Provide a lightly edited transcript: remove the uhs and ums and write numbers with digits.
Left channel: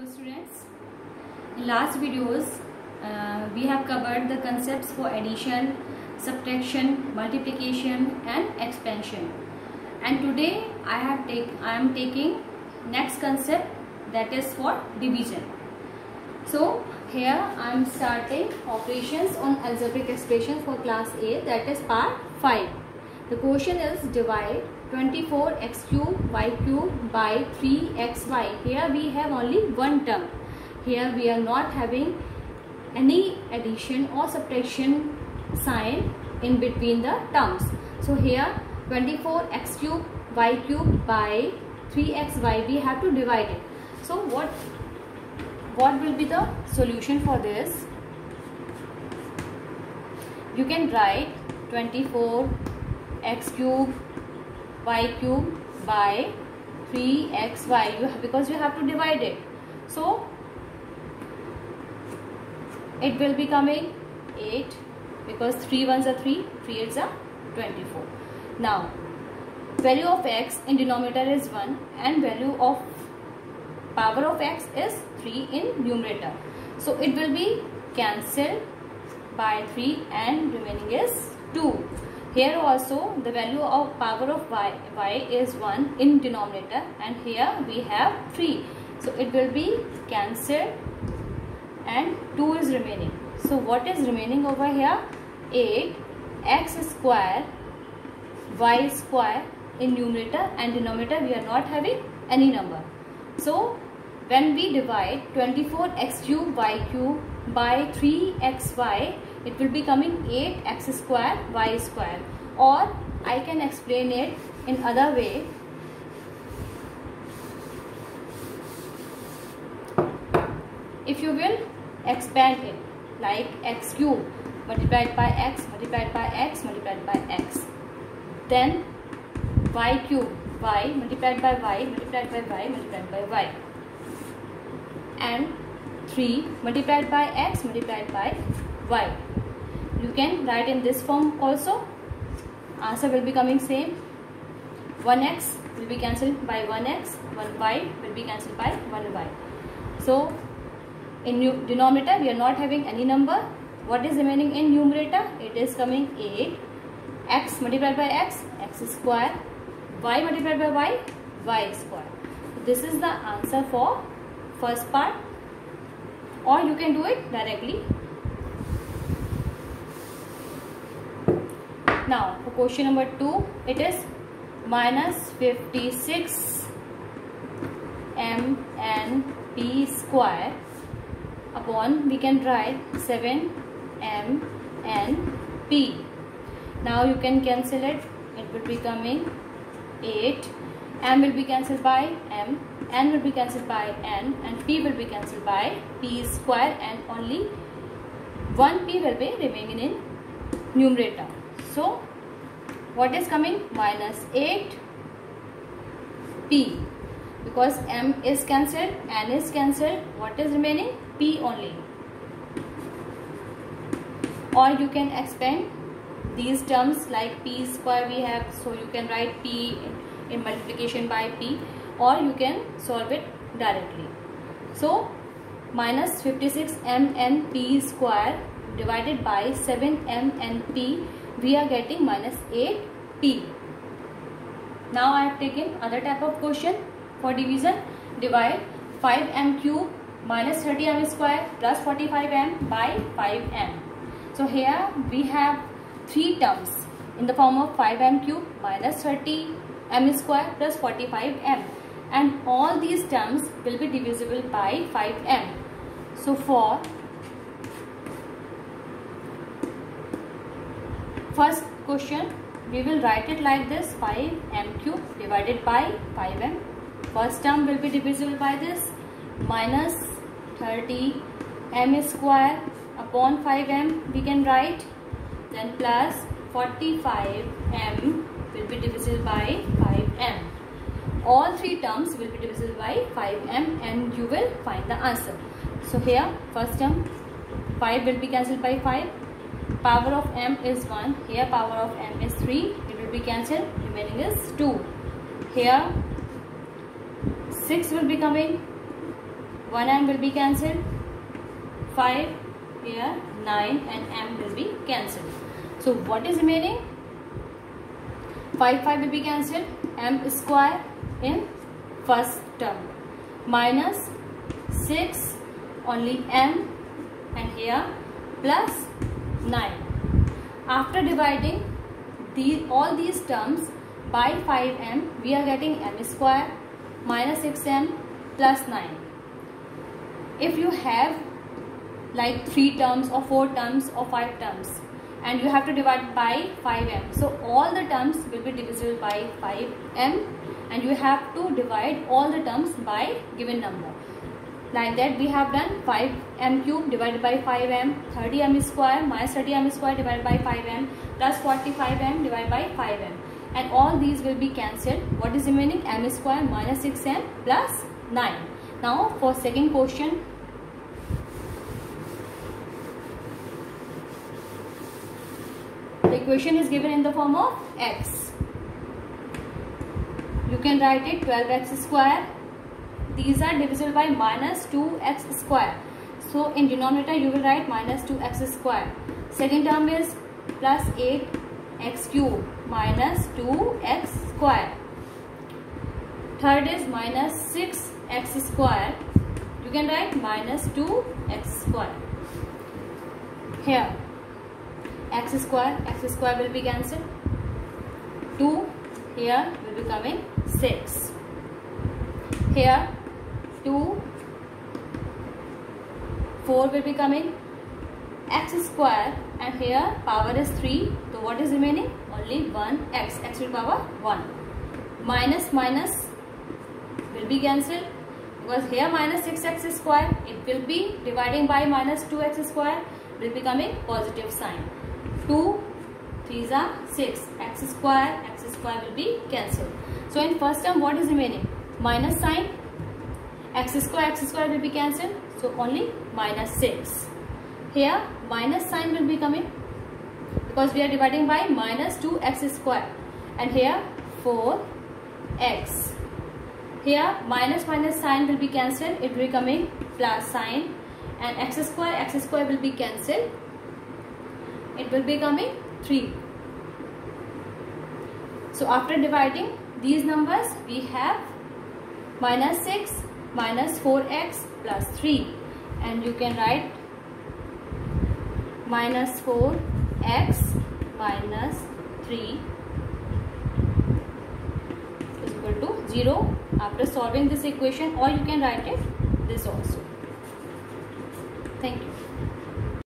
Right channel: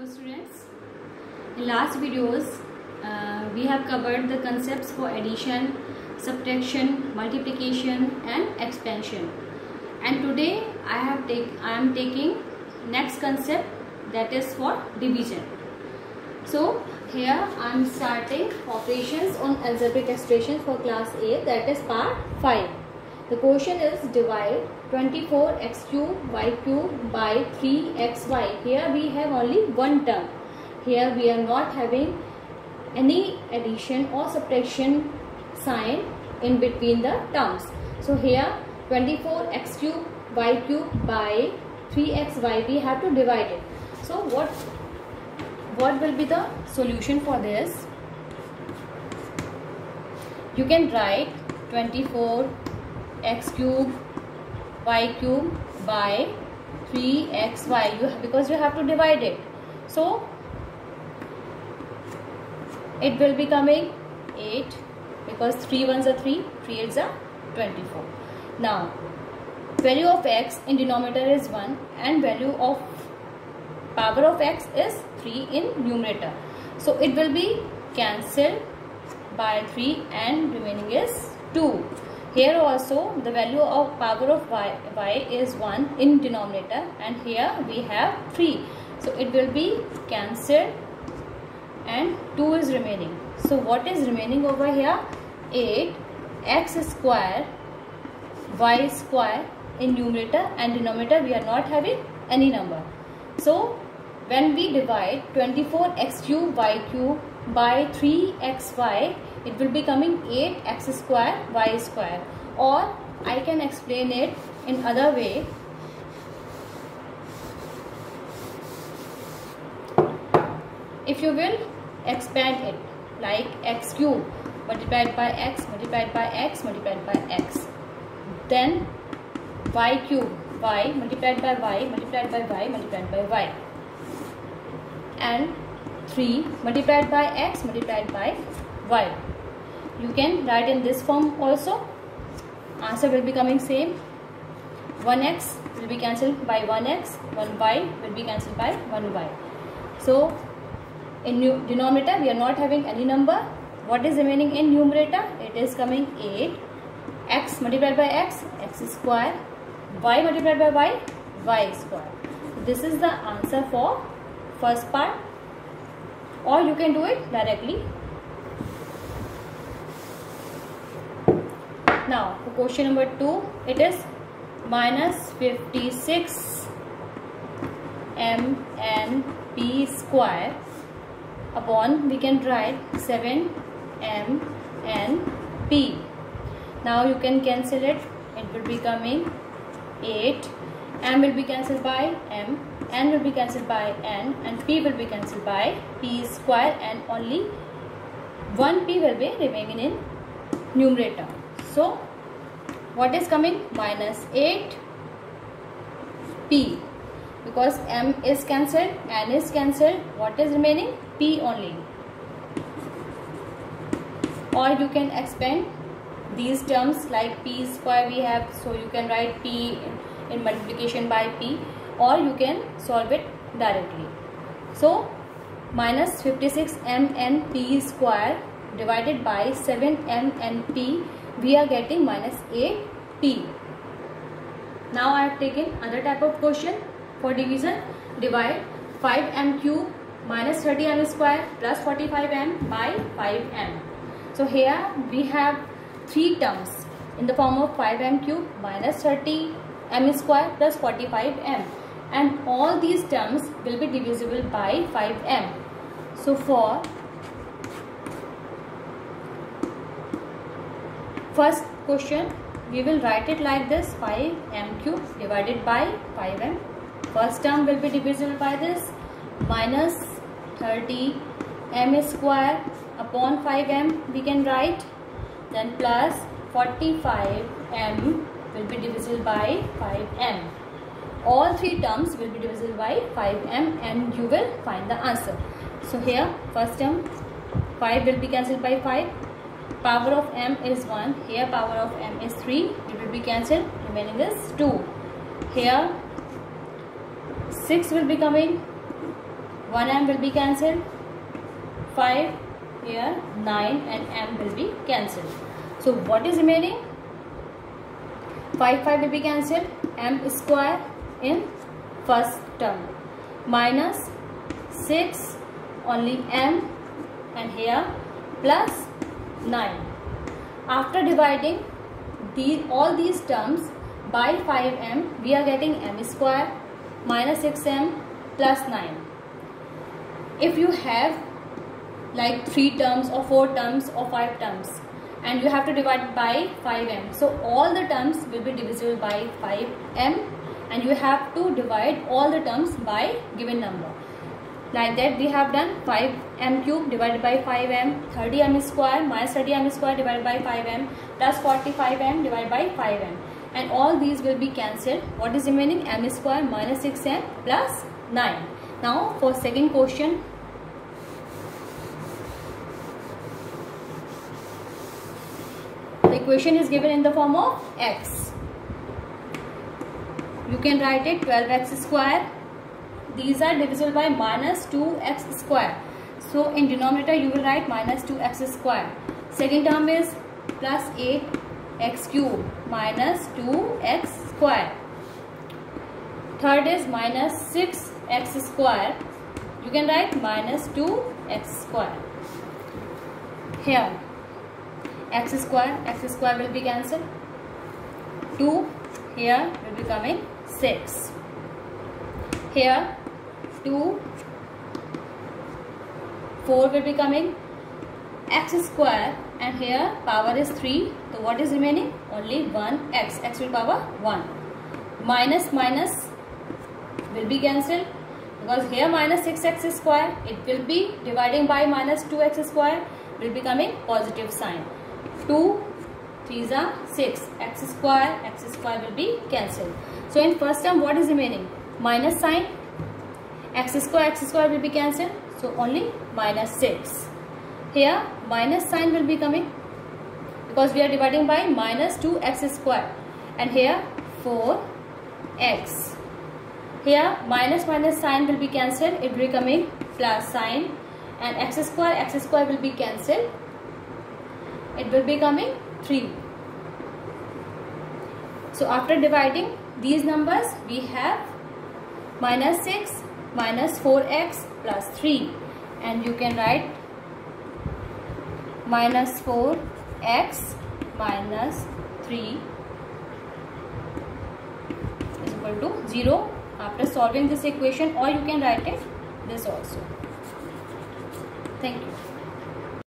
Hello students, in last videos we have covered the concepts for addition, subtraction, multiplication and expansion, and today I am taking next concept, that is for division. So here I am starting operations on algebraic expression for class A, that is part 5. The question is divide 24x cube y cube by 3xy. Here we have only one term. Here we are not having any addition or subtraction sign in between the terms. So here 24x cube y cube by 3xy, we have to divide it. So what will be the solution for this? You can write 24x cube y cube by 3xy, because you have to divide it. So it will be coming 8, because 3 ones are 3, 3 8s are 24. Now value of x in denominator is 1 and value of power of x is 3 in numerator. So it will be cancelled by 3 and remaining is 2. Here also the value of power of y is 1 in denominator, and here we have 3. So it will be cancelled and 2 is remaining. So what is remaining over here? 8x square y square in numerator, and denominator we are not having any number. So when we divide 24x cube y cube by 3xy, it will be coming 8x square y square, or I can explain it in other way. If you will expand it like x cube multiplied by x multiplied by x multiplied by x, then y cube y multiplied by y multiplied by y multiplied by y, and 3 multiplied by x multiplied by y. You can write in this form also. Answer will be coming same. 1x will be cancelled by 1x, 1y will be cancelled by 1y. So in denominator we are not having any number. What is remaining in numerator? It is coming 8, x multiplied by x, x square, y multiplied by y, y square. This is the answer for first part, or you can do it directly. Now for question number 2, it is minus 56 mnp square upon, we can write 7 mnp. Now you can cancel it. It will be coming 8. M will be cancelled by m, n will be cancelled by n, and p will be cancelled by p square, and only one p will be remaining in numerator. So what is coming? Minus 8 p, because m is cancelled, n is cancelled. What is remaining? P only. Or you can expand these terms like p square we have, so you can write p in multiplication by p, or you can solve it directly. So minus 56 mnp square divided by 7 mnp, we are getting minus 8p. Now I have taken other type of question for division. Divide 5m cube minus 30m square plus 45m by 5m. So here we have 3 terms in the form of 5m cube minus 30m square plus 45m, and all these terms will be divisible by 5m. So for first question, we will write it like this: 5m cube divided by 5m. First term will be divisible by this, minus 30m square upon 5m we can write, then plus 45m will be divisible by 5m. All 3 terms will be divisible by 5m, and you will find the answer. So here first term 5 will be cancelled by 5. Power of m is 1. Here power of m is 3. It will be cancelled. Remaining is 2. Here 6 will be coming 1 m will be cancelled, 5 here, 9 and m will be cancelled. So what is remaining? 5 will be cancelled, m square in first term minus 6 only m and here plus 9. After dividing all these terms by 5m, we are getting m square minus 6m plus 9. If you have like 3 terms or 4 terms or 5 terms and you have to divide by 5m, so all the terms will be divisible by 5m and you have to divide all the terms by given number. Like that we have done 5m cube divided by 5m, 30m square minus 30m square divided by 5m plus 45m divided by 5m, and all these will be cancelled. What is remaining? m square minus 6m plus 9. Now for second question, the equation is given in the form of x. You can write it 12x square. These are divisible by minus 2x square. So in denominator you will write minus 2x square. Second term is plus 8x cube minus 2x square. Third is minus 6x square. You can write minus 2x square. Here x square will be cancelled. 2 here will be coming 6. Here 2, 4 will be coming, x square, and here power is 3. So what is remaining? Only 1x, x will power 1. Minus minus will be cancelled because here minus 6x square, it will be dividing by minus 2x square, will be coming positive sign. 2 3s are 6, x square will be cancelled. So in first term what is remaining? Minus sign, x square will be cancelled, so only minus 6. Here minus sign will be coming because we are dividing by minus 2x square, and here 4x. Here minus sign will be cancelled, it will be coming plus sign, and x square will be cancelled, it will be coming 3. So after dividing these numbers we have minus 6 minus 4x plus 3, and you can write minus 4x minus 3 is equal to 0 after solving this equation, or you can write it this also. Thank you.